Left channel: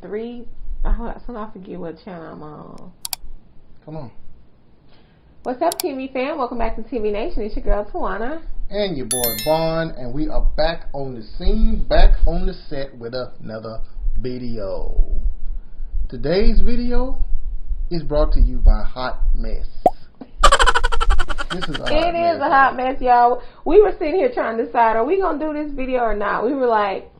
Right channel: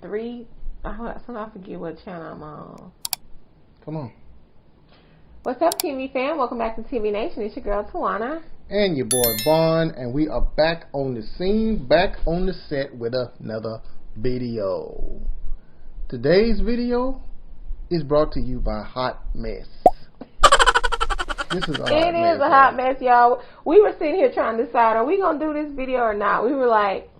3. I forget what channel I'm on. Come on. What's up, TV fam? Welcome back to TV Nation. It's your girl, Taiwana. And your boy, Vaughn. And we are back on the scene, back on the set with another video. Today's video is brought to you by Hot Mess. This is a hot mess, y'all. We were sitting here trying to decide, are we going to do this video or not? We were like,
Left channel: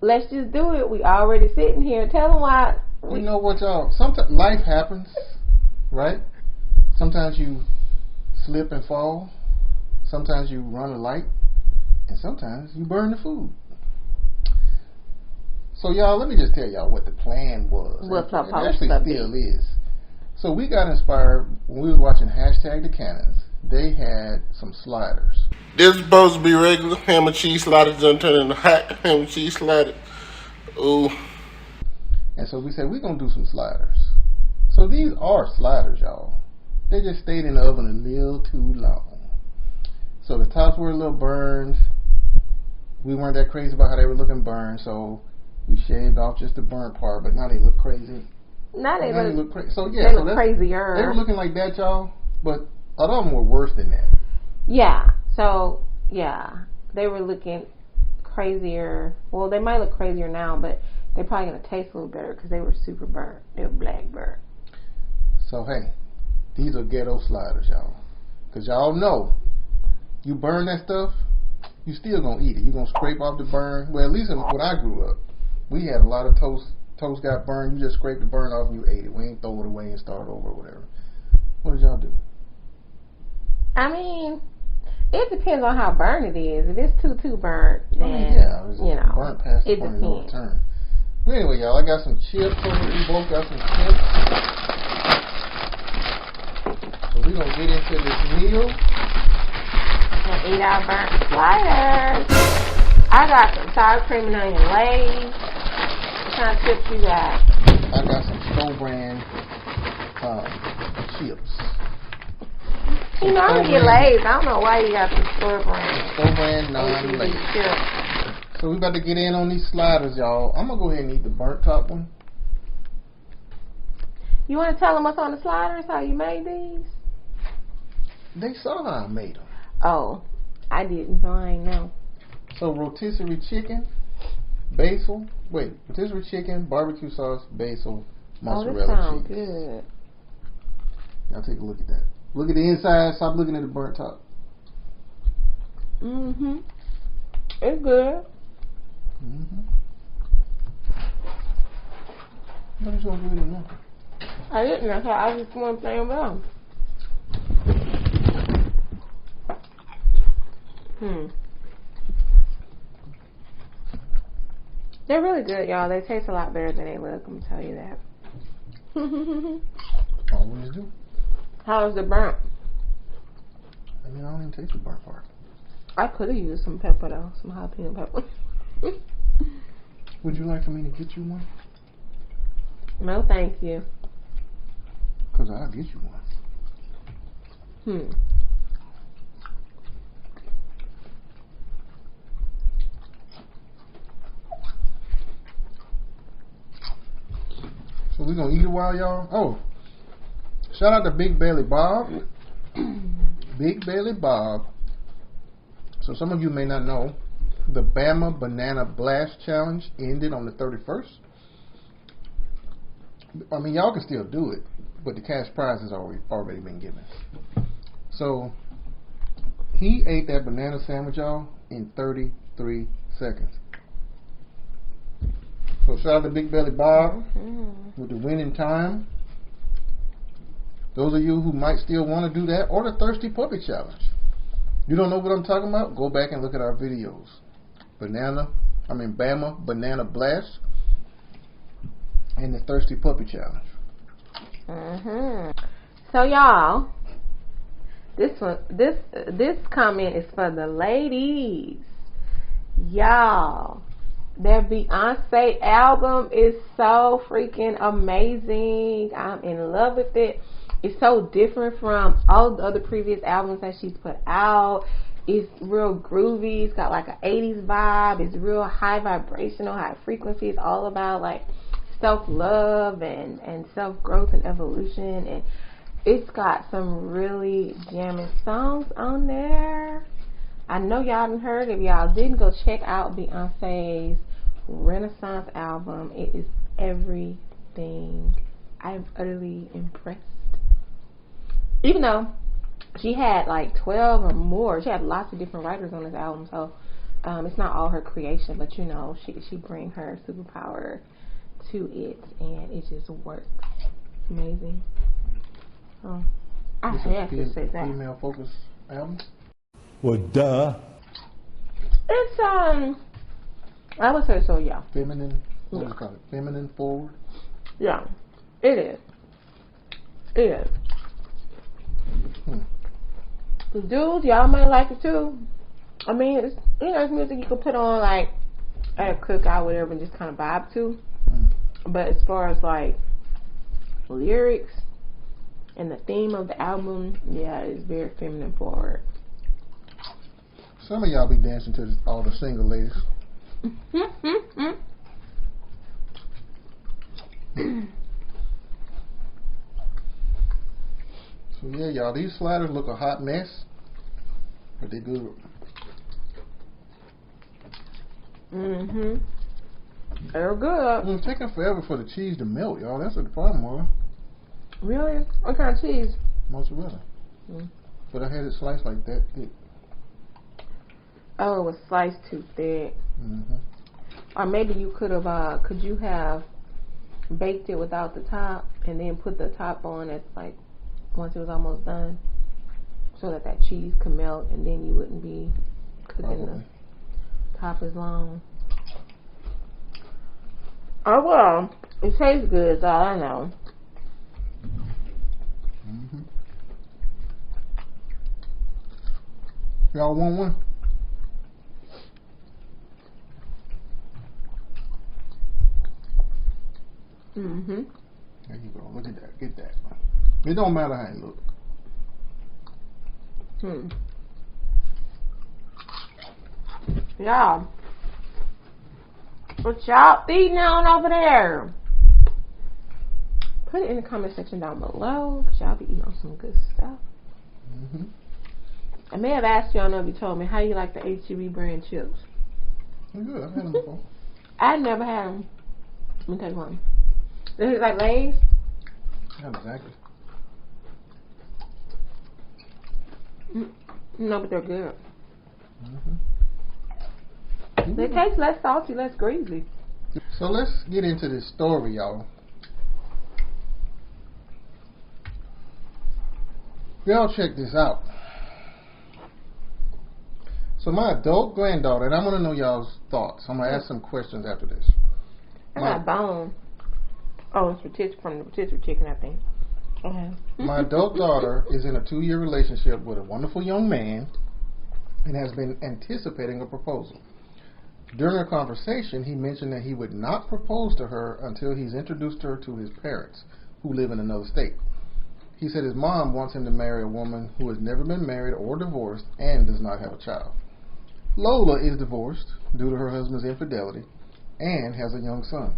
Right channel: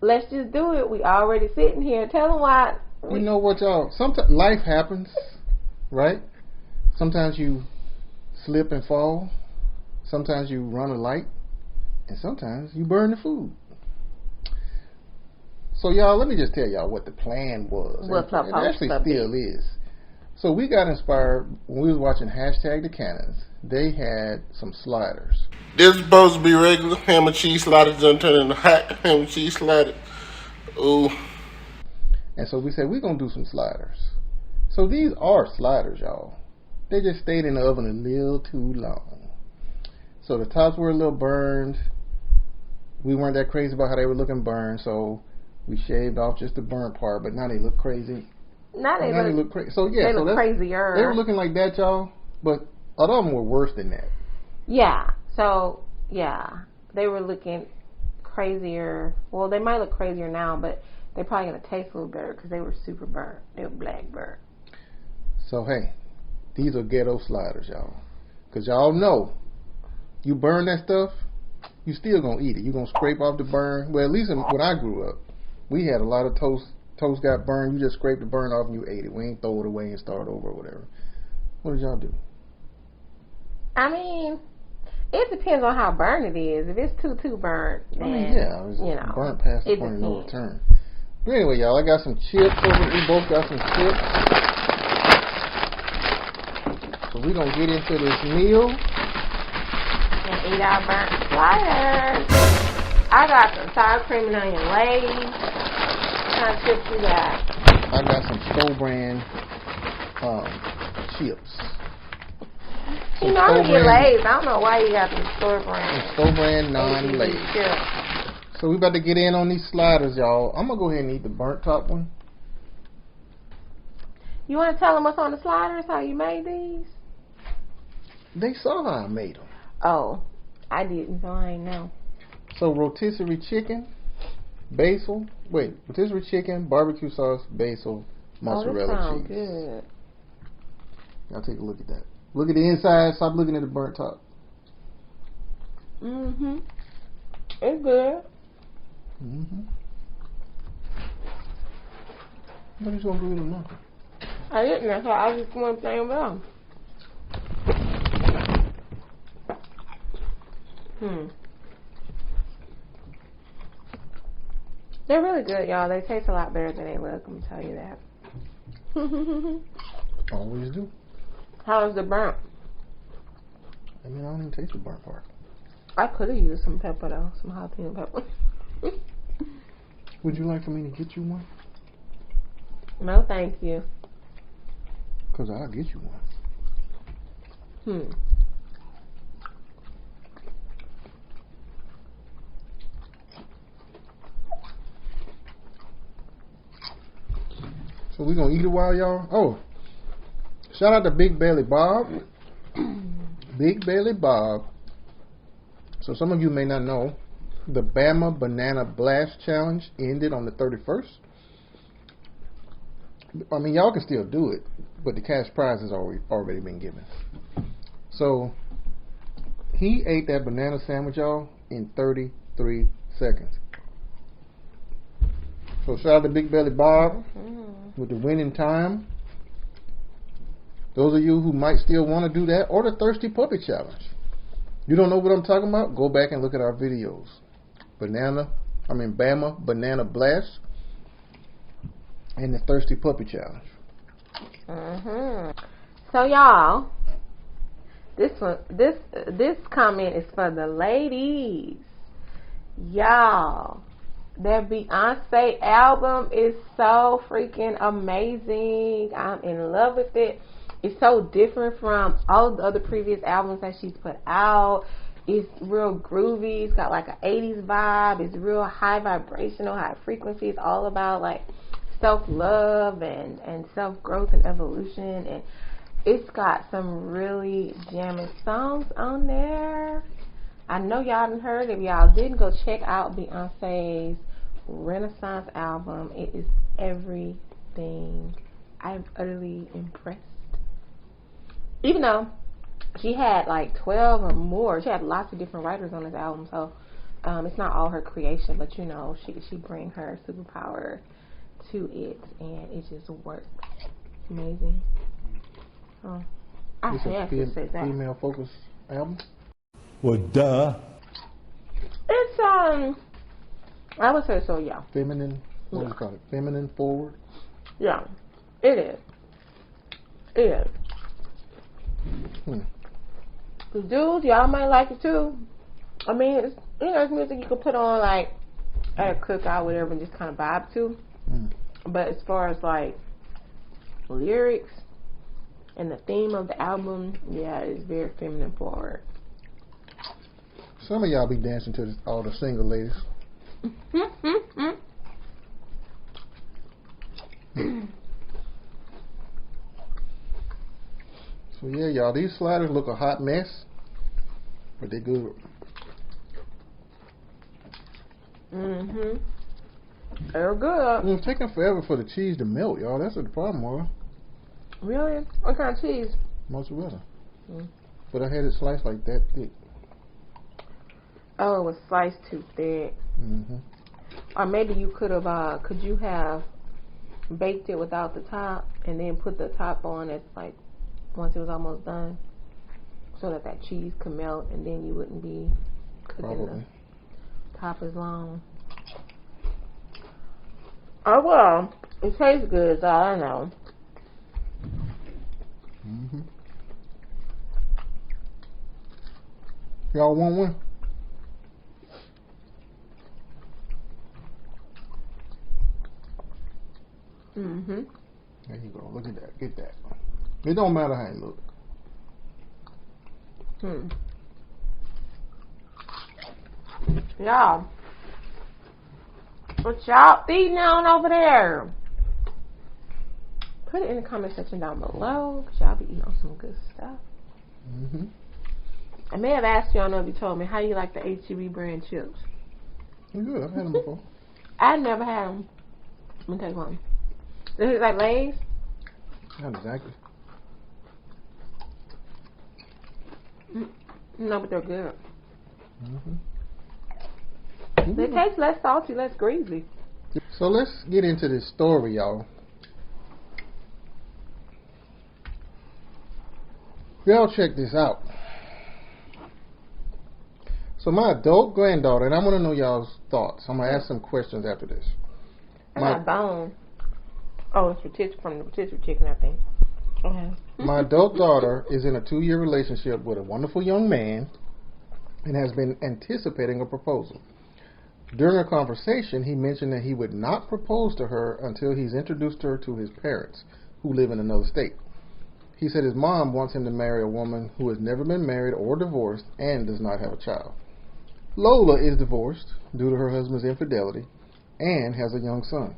let's just do it. We already sitting here. Tell them why. You know what, y'all? Sometimes life happens, right? Sometimes you slip and fall. Sometimes you run a light. And sometimes you burn the food. So, y'all, let me just tell y'all what the plan was. What's it actually still is. So we got inspired when we was watching #The Cannons. They had some sliders. This is supposed to be regular ham and cheese sliders, done turn into hot ham and cheese sliders. Ooh. And so we said we're gonna do some sliders. So these are sliders, y'all. They just stayed in the oven a little too long. So the tops were a little burned. We weren't that crazy about how they were looking burned, so we shaved off just the burnt part. But now they look crazy. Now they look crazy. So yeah, they look crazier. They were looking like that, y'all. But a lot of them were worse than that. Yeah. So yeah, they were looking crazier. Well, they might look crazier now, but they're probably gonna taste a little better because they were super burnt. They were black burnt. So hey, these are ghetto sliders, y'all. Cause y'all know, you burn that stuff, you still gonna eat it. You gonna scrape off the burn. Well, at least when I grew up, we had a lot of toast. Toast got burned, you just scraped the burn off and you ate it. We ain't throw it away and start over or whatever. What did y'all do? I mean, it depends on how burnt it is. If it's too burnt, then, it's burnt past the point of no return. But anyway, y'all, I got some chips over here. We both got some chips. So we're going to get into this meal. And eat our burnt sliders. I got some sour cream and onion Lay's. What kind of chips you got? I got some store brand chips. You know, I don't get Lay's. I don't know why you got some store brand. Store brand non-Lay's. So we about to get in on these sliders, y'all. I'm going to go ahead and eat the burnt top one. You want to tell them what's on the sliders, how you made these? They saw how I made them. Oh, I didn't, so I ain't know. So rotisserie chicken, rotisserie chicken, barbecue sauce, basil, mozzarella cheese. Oh, that sounds cheese. Good. Y'all take a look at that. Look at the inside. Stop looking at the burnt top. Mm-hmm. It's good. Mm-hmm. What is going to do with nothing? I didn't. That's why I just want to say them. They're really good, y'all. They taste a lot better than they look. I'm going to tell you that. Always do. How is the burnt? I mean, I don't even taste the burnt part. I could have used some pepper, though. Some jalapeno pepper. Would you like for me to get you one? No, thank you. Because I'll get you one. So we're going to eat a while, y'all. Oh, shout out to Big Belly Bob. Big Belly Bob. So some of you may not know, the Bama Banana Blast Challenge ended on the 31st. I mean, y'all can still do it, but the cash prize has already been given. So he ate that banana sandwich, y'all, in 33 seconds. So shout out to Big Belly Bob with the winning time. Those of you who might still want to do that, or the Thirsty Puppy Challenge. You don't know what I'm talking about? Go back and look at our videos. Bama Banana Blast and the Thirsty Puppy Challenge. So y'all, this comment is for the ladies. Y'all, their Beyonce album is so freaking amazing. I'm in love with it. It's so different from all the other previous albums that she's put out. It's real groovy. It's got like an 80s vibe. It's real high vibrational, high frequency. It's all about like self-love and self-growth and evolution, and it's got some really jamming songs on there. I know y'all done heard. If y'all didn't, go check out Beyonce's Renaissance album. It is everything. I'm utterly impressed. Even though she had like 12 or more, she had lots of different writers on this album, so it's not all her creation, but you know, she bring her superpower to it, and it just works. Amazing. Oh, I have to say that. Female focused album? Well, duh. It's I would say so, yeah. Feminine. What do you call it? Feminine forward. Yeah, it is. It is. The dudes, y'all might like it too. I mean, it's, you know, it's music you can put on like at a cookout, whatever, and just kind of vibe to. But as far as like lyrics and the theme of the album, yeah, it's very feminine forward. Some of y'all be dancing to this, all the single ladies. So yeah, y'all, these sliders look a hot mess, but they good. They're good. It's taking forever for the cheese to melt, y'all. That's what the problem was. Really? What kind of cheese? Mozzarella. But I had it sliced like that thick. Oh, it was sliced too thick. Or maybe you could have, could you have baked it without the top and then put the top on it like once it was almost done, so that that cheese could melt, and then you wouldn't be cooking the top as long. Oh well, it tastes good, is all I know. Y'all want one? There you go. Look at that. Get that. It don't matter how it look. Yeah. What y'all eating on over there? Put it in the comment section down below, because y'all be eating on some good stuff. I may have asked you, I don't know if you told me, how you like the HEB brand chips? They're good. I've had them before. I never had them. Let me take one. Is it like Lay's? Not exactly. No, but they're good. They taste less salty, less greasy. So let's get into this story, y'all. Y'all check this out. So my adult granddaughter, and I want to know y'all's thoughts. I'm going to ask some questions after this. I got bone. Oh, it's from the rotisserie chicken, I think. Okay. My adult daughter is in a 2-year relationship with a wonderful young man and has been anticipating a proposal. During a conversation, he mentioned that he would not propose to her until he's introduced her to his parents, who live in another state. He said his mom wants him to marry a woman who has never been married or divorced and does not have a child. Lola is divorced due to her husband's infidelity and has a young son.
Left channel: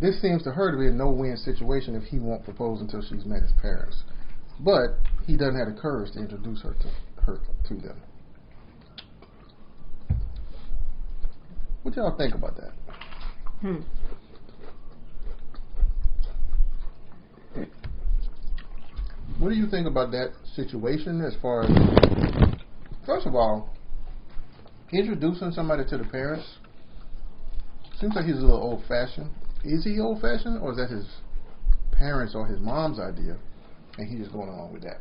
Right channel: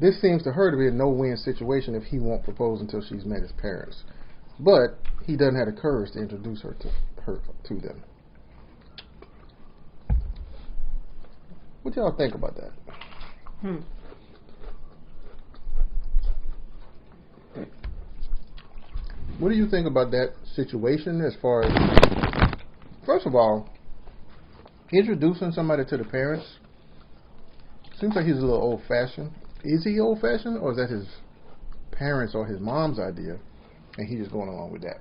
This seems to her to be a no-win situation if he won't propose until she's met his parents. But he doesn't have the courage to introduce her to them. What y'all think about that? What do you think about that situation as far as, first of all, introducing somebody to the parents? Seems like he's a little old-fashioned. Is he old-fashioned, or is that his parents or his mom's idea, and he's just going along with that?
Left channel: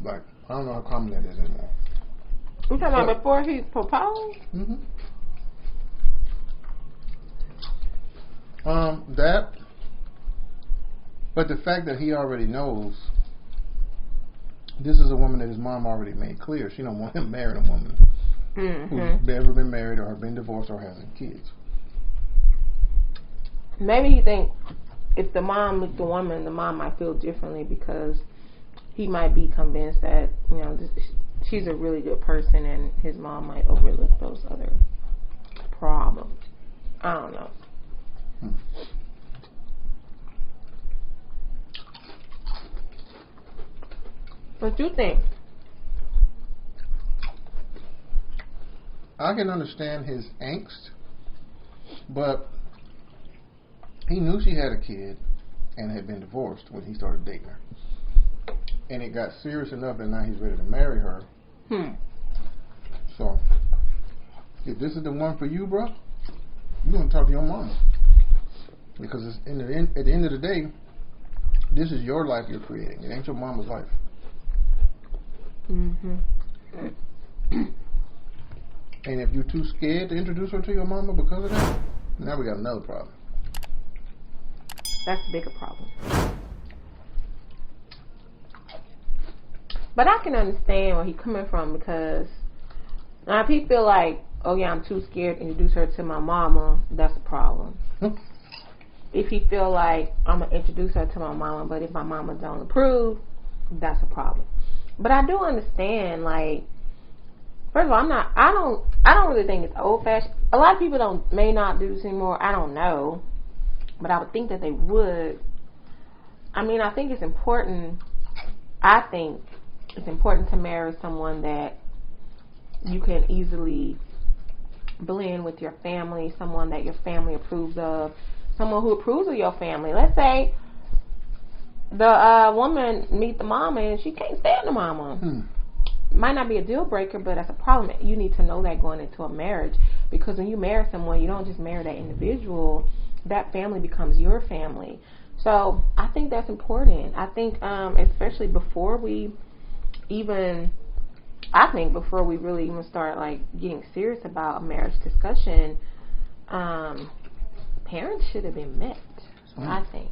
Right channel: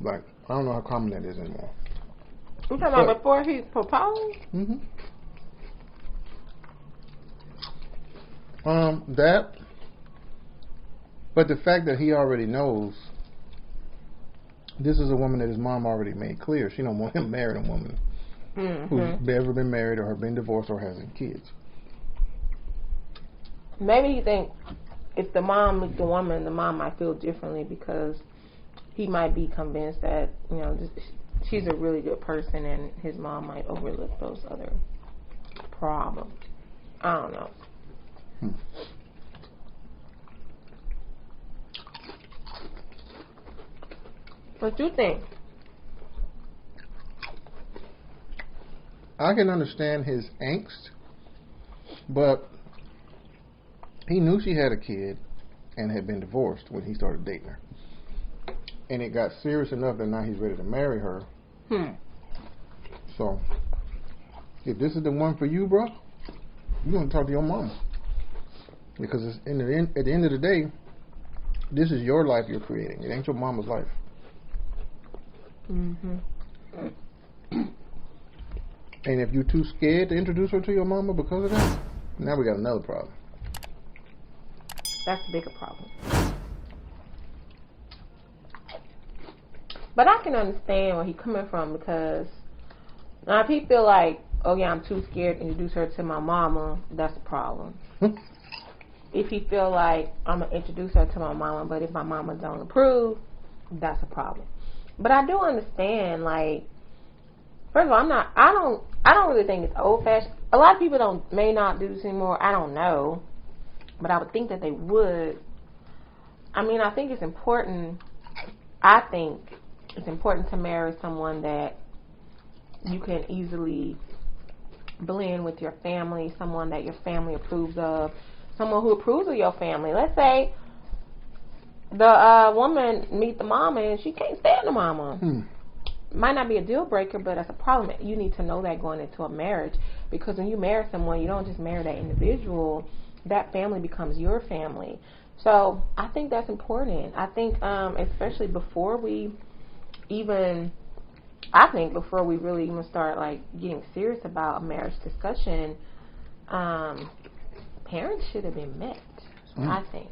Like, I don't know how common that is anymore. You talking about before he proposed? That, but the fact that he already knows this is a woman that his mom already made clear she don't want him marrying a woman who's never been married or been divorced or has kids. Maybe he think if the mom meets the woman, the mom might feel differently because he might be convinced that, you know, she's a really good person and his mom might overlook those other problems. I don't know. What you think? I can understand his angst, but he knew she had a kid and had been divorced when he started dating her. And it got serious enough that now he's ready to marry her. So, if this is the one for you, bro, you're going to talk to your mama. Because it's at the end of the day, this is your life you're creating. It ain't your mama's life. Mm-hmm. And if you're too scared to introduce her to your mama because of that, now we got another problem. That's the bigger problem. But I can understand where he's coming from, because now if he feel like, oh yeah, I'm too scared to introduce her to my mama, that's a problem. If he feel like I'm gonna introduce her to my mama, but if my mama don't approve, that's a problem. But I do understand, like, first of all, I don't really think it's old fashioned. A lot of people may not do this anymore. I don't know, but I would think that they would. I mean, I think it's important. I think it's important to marry someone that you can easily blend with your family, someone that your family approves of, someone who approves of your family. Let's say the woman meet the mama and she can't stand the mama. Might not be a deal breaker, but that's a problem. You need to know that going into a marriage, because when you marry someone, you don't just marry that individual. That family becomes your family. So I think that's important. I think especially before we really even start like getting serious about a marriage discussion, parents should have been met. I think,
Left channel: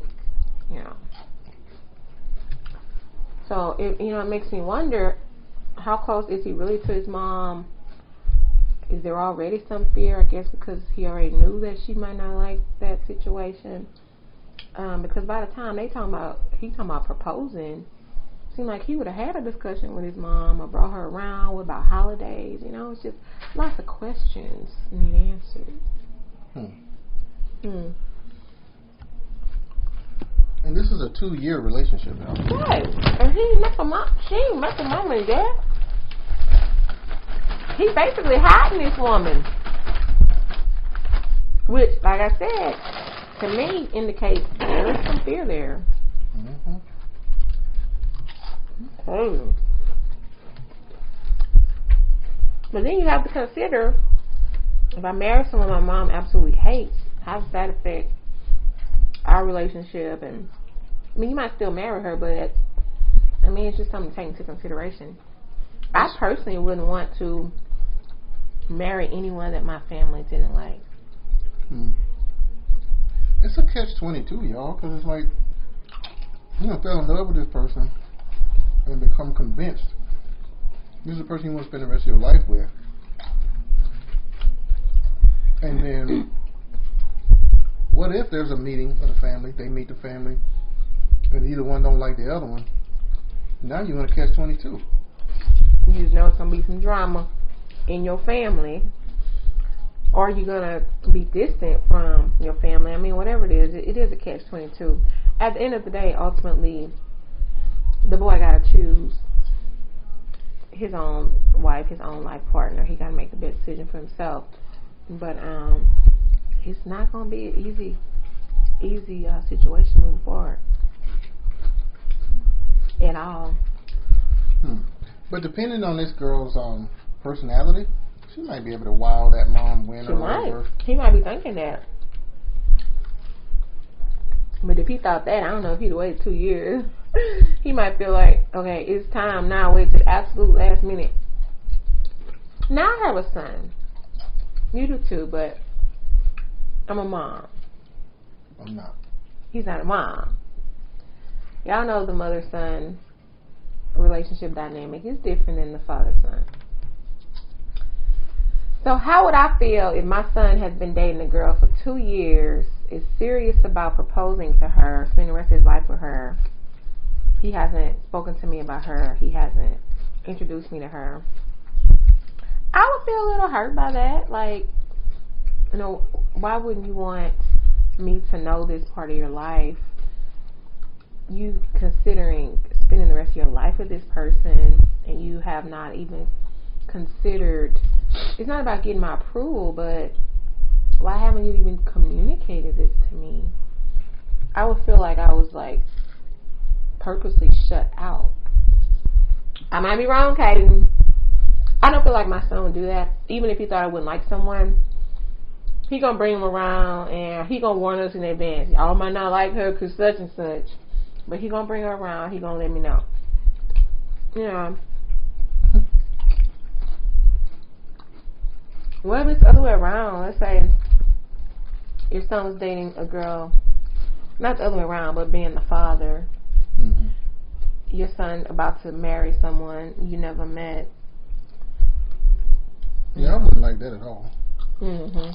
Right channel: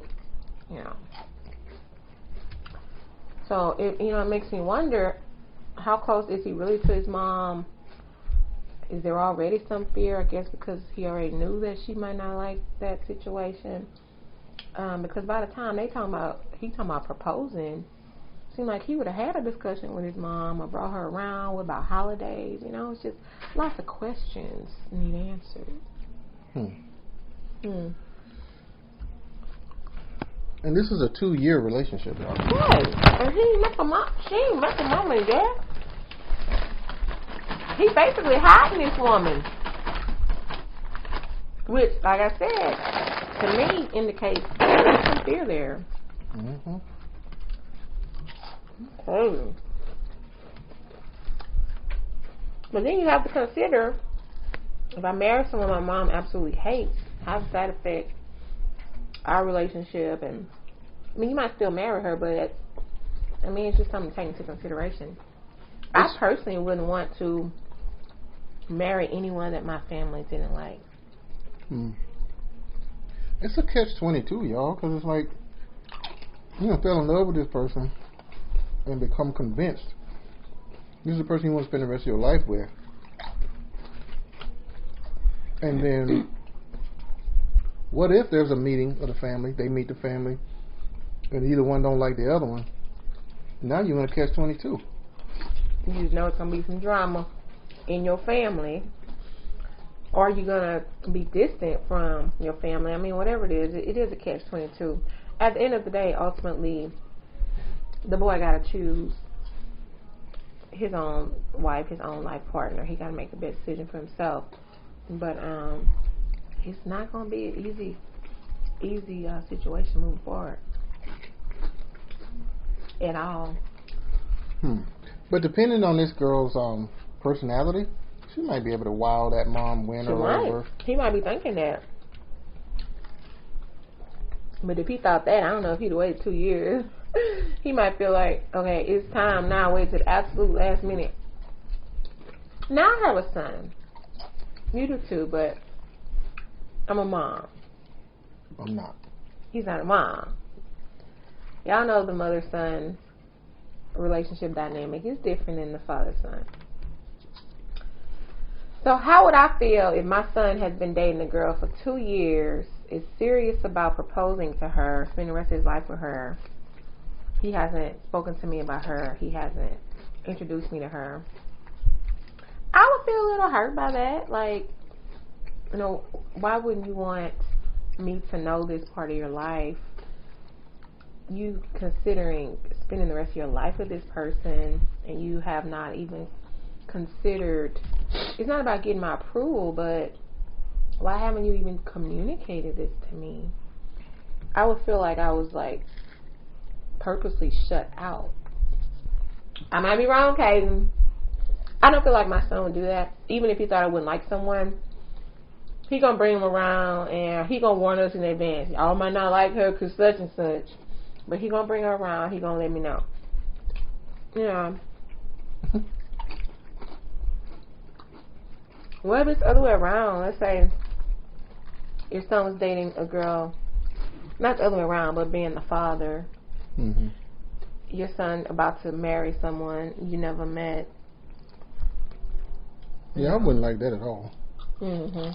So it makes me wonder, how close is he really to his mom? Is there already some fear? I guess because he already knew that she might not like that situation. Because by the time he talking about proposing, it seemed like he would have had a discussion with his mom or brought her around about holidays. It's just lots of questions need answered. And this is a 2-year relationship, y'all. Right. And she ain't met the mama yet. He basically hiding this woman. Which, like I said, to me indicates there's some fear there. Okay. But then you have to consider, if I marry someone my mom absolutely hates, how does that affect our relationship? And I mean, you might still marry her, but I mean, it's just something to take into consideration. I personally wouldn't want to marry anyone that my family didn't like. It's a catch-22, y'all, because it's like, fell in love with this person and become convinced this is the person you want to spend the rest of your life with. And then what if there's a meeting of the family, they meet the family, and either one don't like the other one? Now you're going to catch-22. You know it's going to be some drama in your family, or you're going to be distant from your family. I mean, whatever it is a catch-22. At the end of the day, ultimately, the boy got to choose his own wife, his own life partner. He got to make the best decision for himself. But it's not going to be an easy situation moving forward at all. But depending on this girl's personality, she might be able to wow that mom, win or whatever. He might be thinking that. But if he thought that, I don't know if he'd waited 2 years. He might feel like, okay, it's time now. Wait to the absolute last minute. Now I have a son. You do too, but I'm a mom. I'm not. He's not a mom. Y'all know the mother-son relationship dynamic is different than the father-son. So how would I feel if my son has been dating a girl for 2 years, is serious about proposing to her, spending the rest of his life with her? He hasn't spoken to me about her. He hasn't introduced me to her. I would feel a little hurt by that. Like, why wouldn't you want me to know this part of your life, you considering spending the rest of your life with this person, and you have not even considered, it's not about getting my approval, but why haven't you even communicated this to me? I would feel like I was like purposely shut out. I might be wrong, Kaden. I don't feel like my son would do that. Even if he thought I wouldn't like someone, he gonna bring him around and he gonna warn us in advance. Y'all might not like her because such and such, but he gonna bring her around. He gonna let me know. Yeah. What if it's the other way around? Let's say your son was dating a girl, not the other way around, but being the father. Mm-hmm. Your son about to marry someone you never met. Yeah, I wouldn't like that at all. Mm-hmm.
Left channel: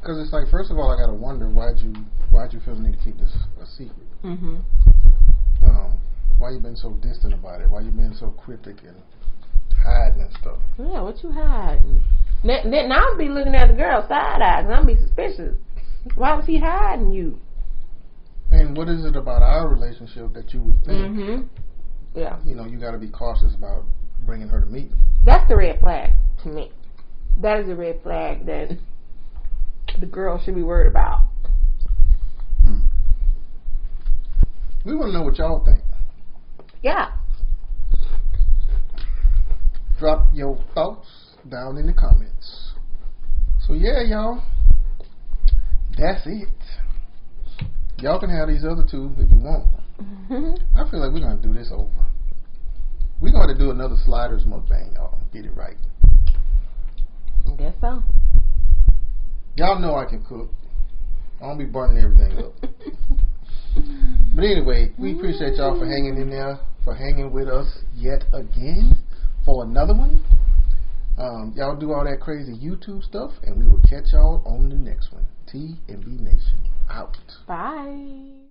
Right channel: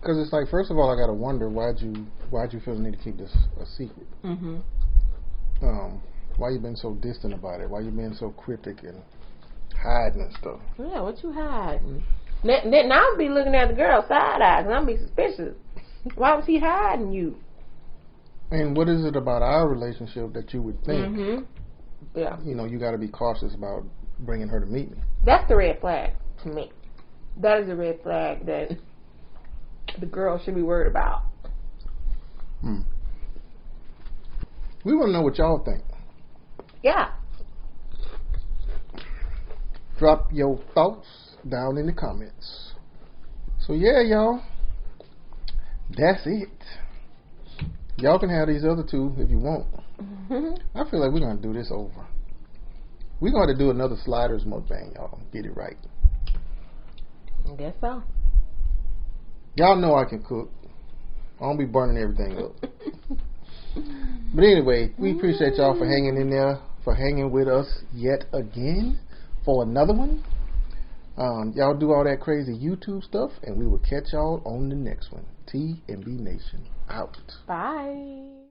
Because it's like, first of all, I gotta wonder why'd you feel the need to keep this a secret? Mm-hmm. Why you been so distant about it? Why you been so cryptic and hiding and stuff? Yeah, what you hiding? Now I'll be looking at the girl side eyes and I'll be suspicious. Why was he hiding you? And what is it about our relationship that you would think, Mm-hmm. Yeah, you know, you got to be cautious about bringing her to meet me? that's the red flag to me. That is a red flag that the girl should be worried about. We want to know what y'all think. Yeah. Drop your thoughts down in the comments. So yeah, y'all, that's it. Y'all can have these other two if you want. I feel like we're going to do this over. We're going to do another sliders mukbang, y'all. Get it right. I guess so. Y'all know I can cook. I don't be burning everything up. But anyway, we appreciate y'all for hanging in there, for hanging with us yet again for another one. Y'all do all that crazy YouTube stuff, and we will catch y'all on the next one. T&V Nation out. Bye.